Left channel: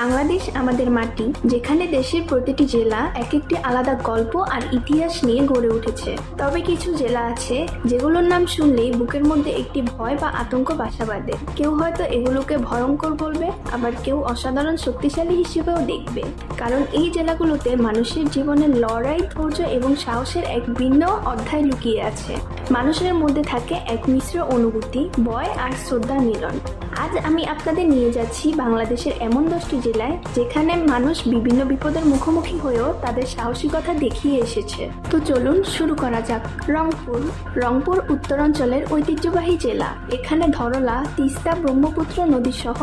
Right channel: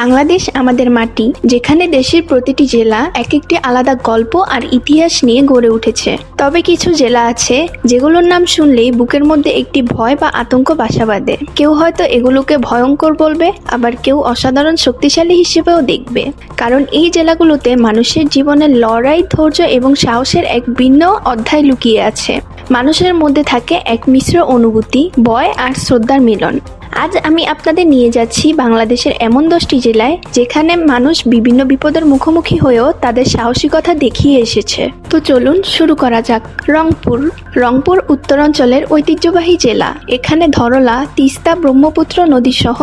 বাংলাদেশ আমাদের মাটি, যেখানে দেশের প্রতিটি জেলা এক একটি আলাদা গল্প আর ইতিহাস নিয়ে গড়ে উঠেছে। তবে কিছু জেলা আছে যেগুলোর নাম শুনলেই বুকের মধ্যে একটি ভয় বা আতঙ্ক বাসা বাঁধে। কেউ হয়তো এগুলোকে ভয়ঙ্কর বলবে, আবার কেউ অসাধারণ শক্তিশালী হিসেবেও দেখবে। কারণ এই জেলাগুলোতে মানুষের জীবনের লড়াই, ধৈর্য এবং সাহসের এক ভিন্ন অধ্যায় লুকিয়ে আছে। মানুষের মধ্যে থাকে এক মিশ্র অনুভূতি, ভয় আর শ্রদ্ধার মিলন। আজ আমি আপনাদের নিয়ে যাচ্ছি বাংলাদেশের এমন 10টি জেলায় যেখানে মানুষ বিভিন্ন বিপদের মুখোমুখি হয়েও তাদের সাহসিকতা দেখিয়ে এসেছে। তো চলুন শুরু করা যাক। রংপুর উত্তরাঞ্চলের ঐতিহ্যবাহী জেলা। এখানে ধরলা, তিস্তা, ব্রহ্মপুত্র নদী সহ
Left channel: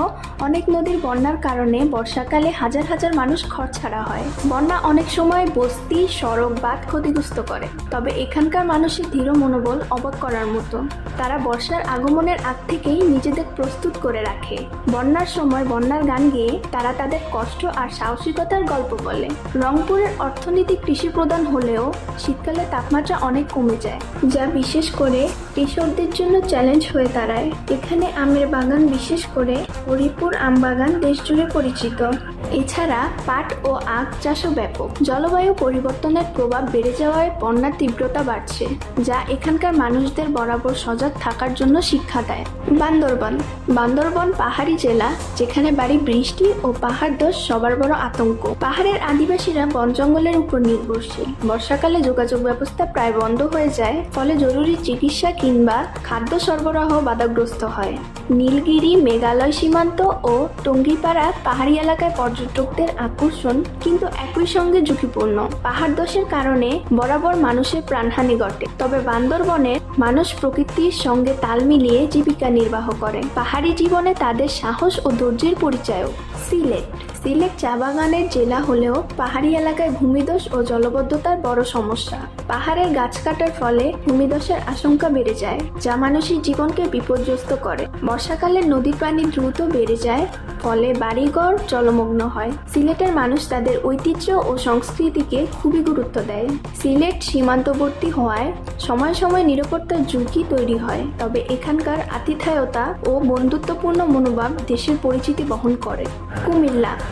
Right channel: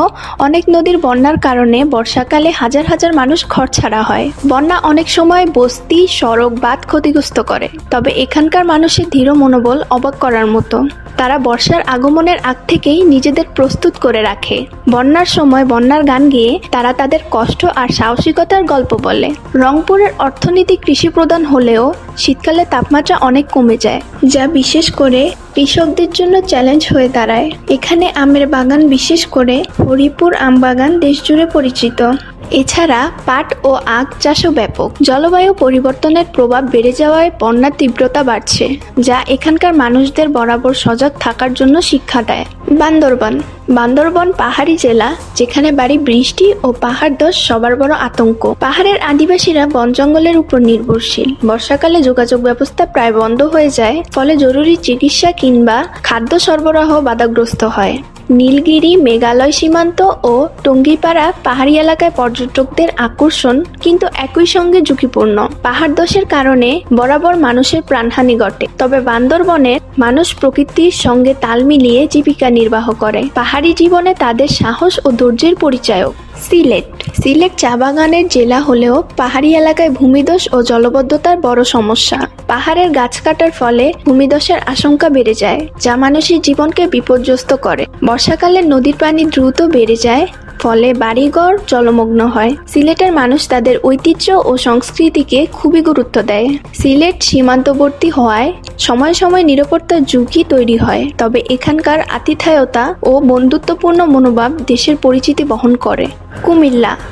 অনেক নদীর বন্যার কারণে বর্ষাকালে হাজার হাজার মানুষ ঘরছাড়া হয়। বন্যা অনেক সময় বস্তি, সড়ক, বাঁধ ক্ষতিগ্রস্ত করে। তবে এখানকার মানুষের দৃঢ় মনোবল অবাক করার মতো। তারা বর্ষার আগমনের আগ থেকেই নিজেদের প্রস্তুত করে রাখে। বন্যার সময় বন্যার গান গেয়ে তারা তাদের কষ্ট আর সাহসিকতার গল্প বলে। রংপুরের অর্থনীতি কৃষি প্রধান হলেও শীতকালে তাপমাত্রা অনেক কমে যায়, যা বিশেষ করে কৃষকদের জন্য চ্যালেঞ্জ হয়ে দাঁড়ায়। এখানে আমের বাগান, বিশেষ করে হরিপুর আম বাগান দেশজুড়ে পরিচিত। এছাড়া পাট ও আখ চাষও ব্যাপক। জলবায়ু পরিবর্তনের প্রভাব বেড়ে যাওয়ায় বন্যার তীব্রতা বাড়ছে, যা এখানকার মানুষদের বরাবর সজাগ থাকার জন্য শিক্ষা দেয়। বান্দরবন পাহাড়ি জেলা, যেখানে বাড়ি বৃষ্টি ও পাহাড় ধস সবার বড় আতঙ্ক। পাহাড়ের আদিবাসীরা বন জঙ্গলের উপর নির্ভরশীল। বর্ষাকালে যোগাযোগ ব্যবস্থা প্রায় বন্ধ হয়ে যায়, ফলে জরুরি চিকিৎসা কিংবা খাদ্য সরবরাহ বাধাগ্রস্ত হয়। নীলগিরি, মেঘালয় সীমান্ত ও টঙ্গীপাড়া পাহাড়ি এলাকায় পর্যটকদের আকর্ষণ, কিন্তু একই সঙ্গে ঝুঁকিপূর্ণ। পাহাড় ধসের কারণে বরাবর মানুষের প্রাণহানি ঘটে। তবে বান্দরবনের মানুষ প্রকৃতির সঙ্গে তাল মিলিয়ে জীবিকা নির্বাহ করে। পাহাড়ি জীবনে তাদের সাহস ও ধৈর্যের পরিচায়ক। সিলেট চা বাগানের জেলা হলেও পাহাড়ি এলাকায় ভূমিধস ও জলবদ্ধতার বড় সমস্যা। পাহাড়ের গাছ কাটার ফলে ভূমিধসের আশঙ্কা বেড়ে যায়, যা মানুষের জীবনকে বিপর্যস্ত করে। বর্ষাকালে নদীর পানি দ্রুত বেড়ে যায়, ফলে বাড়িঘর জলমগ্ন হয়। সিলেটের মানুষ তাদের ঐতিহ্য ও সংস্কৃতিকে খুবই গুরুত্ব দেয়। সিলেট সীমান্তবর্তী হওয়ায় সময় সময় নিরাপত্তার ঝুঁকি তৈরি হয়। তবে এখানকার আতিথেয়তা ও বন্ধুত্বপূর্ণ মনোভাব দেশের পরিচিতি বহন করে।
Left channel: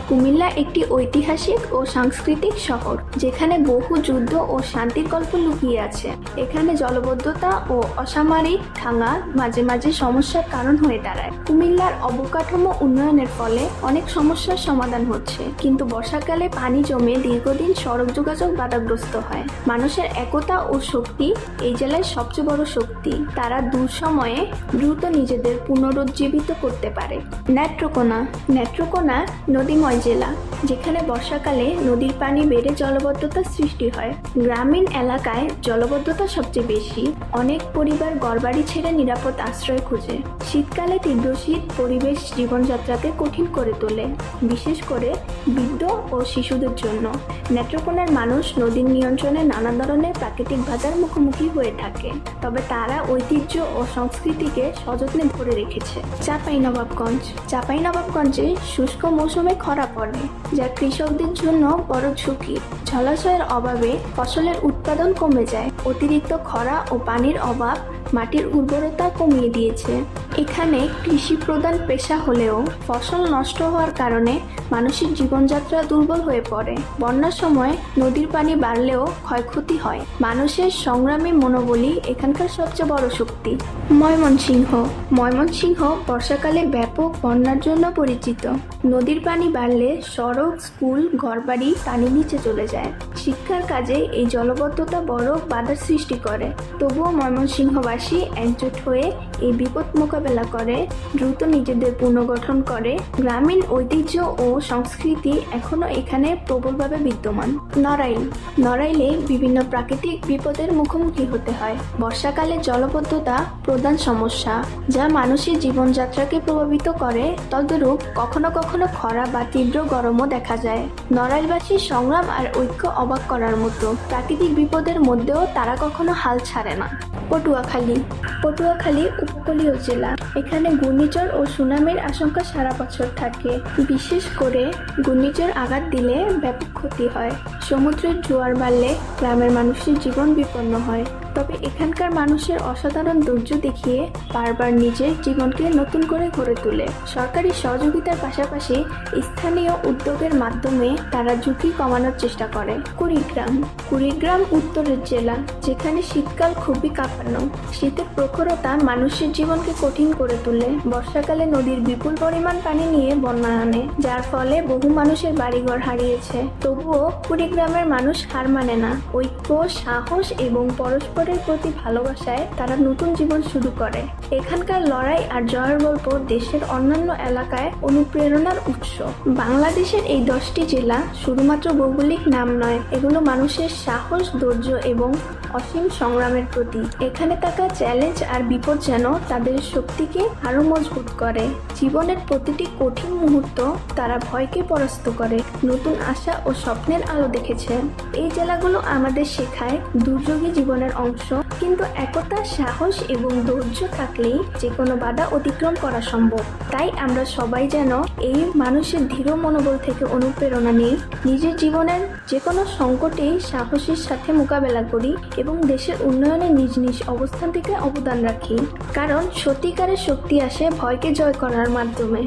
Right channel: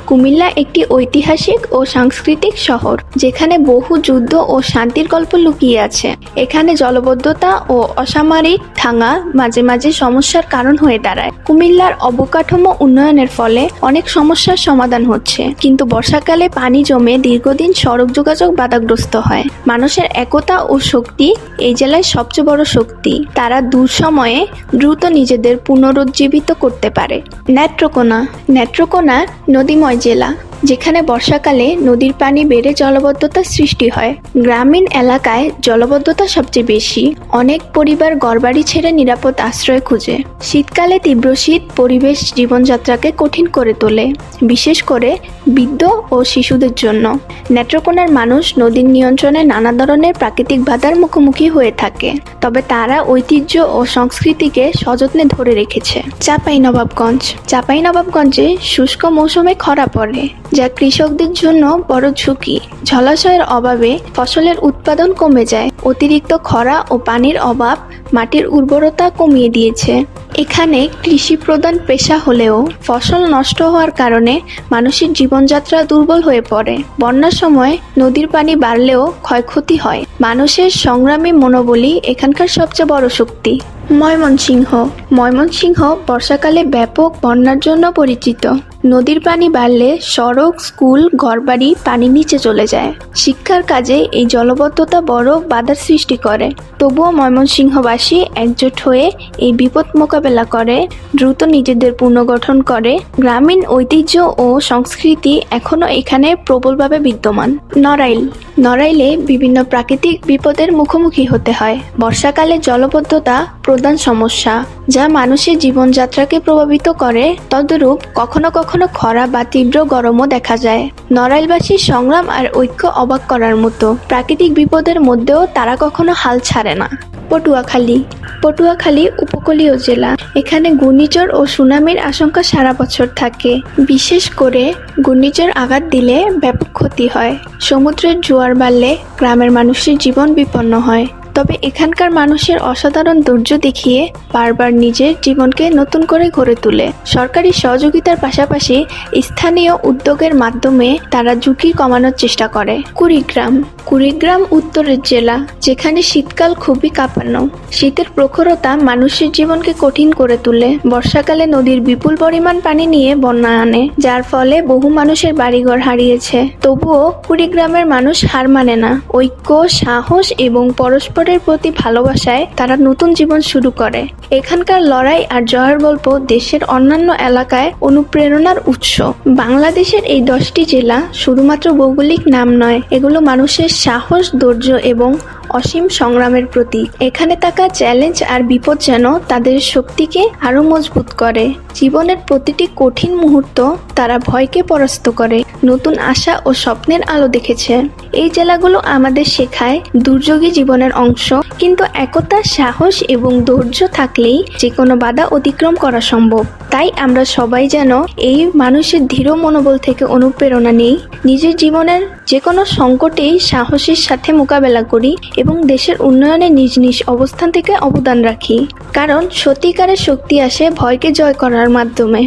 কুমিল্লা একটি ঐতিহাসিক ও সাংস্কৃতিক শহর, যেখানে বহু যুদ্ধ ও শান্তির গল্প লুকিয়ে আছে। এখানে জলবদ্ধতা ও অসামরিক থাঙ্গা মাঝে মাঝে সমস্যার কারণ হয়ে দাঁড়ায়। কুমিল্লার অবকাঠামো উন্নয়নের ফলে অনেক সমস্যার সমাধান হচ্ছে, কিন্তু বর্ষাকালে পানি জমে দীর্ঘদিন সড়ক যোগাযোগ বাধাগ্রস্ত হয়। মানুষের একতা ও শক্তি এই জেলায় সবচেয়ে বড় শক্তি। তারা দুঃসময়ে দ্রুত নিজেদের পুনরুজ্জীবিত করতে পারে। নেত্রকোনা নদীময় জেলা, যেখানে বর্ষাকালে নদীর পানি বেড়ে জলবদ্ধতার সৃষ্টি হয়। গ্রামীণ এলাকায় জলবদ্ধতা সবচেয়ে বেশি। অনেক পরিবার ঘরবাড়ি ছেড়ে নিরাপদ আশ্রয় খুঁজে। শীতকালে তীব্র শীত পরিবেশ জীবনযাত্রাকে কঠিন করে তোলে, বিশেষ করে বৃদ্ধ ও শিশুদের জন্য। নেত্রকোনার মানুষ নদীর নিয়ন্ত্রণে নানা ধরনের প্রাকৃতিক বাধার মুখোমুখি হয়ে থাকে, তবে তারা ঐতিহ্য ও সংস্কৃতিকে সযত্নে ধরে রেখেছে। চাঁপাইনবাবগঞ্জে শুষ্ক মৌসুমে খরা পড়ে, যা কৃষকদের জন্য বড় ঝুঁকি। জলাশয়ের অভাবে ফসলের উৎপাদন কমে যায়। অতিরিক্ত খরা ও পানির অভাব মাটির উর্বরতা কমিয়ে দিয়েছে। এখানে কৃষি প্রধান পেশা হলেও ফসল নষ্ট হওয়ার কারণে মানুষের জীবনযাত্রা দুর্বল হয়ে পড়ে। বন্যার সময় নদীর পানি বাড়লেও ক্ষয়ক্ষতি হয়। মানুষের সংগ্রামী মনোবলই এখানকার সবচেয়ে বড় শক্তি। ময়মনসিংহ বর্ষাকালে ব্যাপক বন্যার জন্য পরিচিত। নদীর পানি বাড়লে সড়ক, স্কুল, ঘরবাড়ি পানির নিচে চলে যায়। শিক্ষার কাজে এই জলবদ্ধতা বড় বাধার সৃষ্টি করে। তবুও ময়মনসিংহবাসী একজোট হয়ে এই বিপদ মোকাবেলা করে, দ্রুত নিজেদের পুনর্গঠন করে। গ্রামীণ ঐতিহ্য ও সংস্কৃতি এখনও এখানে প্রবলভাবে বিদ্যমান। নড়াইলে বিভিন্ন প্রাকৃতিক বিপদের মুখোমুখি হতে হয়। বর্ষাকালে জলবদ্ধতা প্রধান সমস্যা, যা মানুষের জীবনযাত্রাকে প্রভাবিত করে। তদরূপ কখনো কখনো খরা বা তীব্র গরমও দেখা যায়। নড়াইলবাসীর সংগ্রাম আর ঐক্য অবাক করার মতো। প্রাকৃতিক বিপদের মধ্যেও তারা কখনো হাল ছাড়ে না। পটুয়াখালী উপকূলীয় জেলা, এখানে ঘূর্ণিঝড় ও সুনামির আশঙ্কা সারা বছর থাকে। বিশেষ করে ঘূর্ণিঝড় আঘাত দিলে ব্যাপক ক্ষতি হয়। সমুদ্রের জোয়ার বাড়লে গ্রামের মানুষের জীবন বিপন্ন হয়। তবে এখানকার মানুষের অসাধারণ ধৈর্য দেখিয়ে বারবার নিজের জীবনকে নতুন করে গড়ে তোলে। সরকারি সহযোগিতার পাশাপাশি স্থানীয় উদ্যোগের মাধ্যমে তারা ঝুঁকি কমানোর চেষ্টা করে। কুড়িগ্রাম উত্তরের জেলা, যেখানে শীতকাল খুবই কাঁপানো। শীতের প্রখরতা মানুষের জীবনকে কঠিন করে তোলে। বর্ষাকালে নদীর বিপুল পরিমাণ পানি নিয়ে বন্যা আনে, যার ফলে বহু মানুষের বাড়িঘর হারিয়েছে। তবুও কুড়িগ্রামের মানুষ হার মানে না। ঐক্য, সাহস এবং পরস্পরের প্রতি ভালোবাসায় তারা নতুন জীবন শুরু করে। এখানকার লড়াই আর জয়ের গল্প দেশের অন্যান্য এলাকায় অনুপ্রেরণার উৎস। বাংলাদেশের এই 10টি জেলা শুধুমাত্র ভৌগোলিক নাম নয়, এগুলো মানুষের সাহস, ধৈর্য এবং অসীম সংগ্রামের প্রতীক। এখানে থাকা চ্যালেঞ্জ আর বিপদ যেন তাদের শক্তিকে আরো মজবুত করে। জীবনের প্রতিটি কঠিন মুহূর্ত তারা ভয়কে পরাস্ত করে নতুন আশা ও স্বপ্নের আলো দেখেছে। এই জেলাগুলো আমাদের শেখায় দুর্যোগই জীবনের অংশ, কিন্তু একতা, সাহস এবং ধৈর্য থাকলেই যে কোনো বাধা অতিক্রম করা সম্ভব। তাই আমরা সবাই যেন এই মানুষের দৃঢ় মনোবল থেকে অনুপ্রেরণা নেই, নিজের জীবনের যে কোনো সংকটেই সাহসের সাথে মোকাবেলা করি এবং দেশের উন্নয়নে নিজ নিজ অবস্থান থেকে অবদান রাখি। কারণ সত্যিকারের শক্তি আসে ভয়কে জয় করার মাধ্যমে।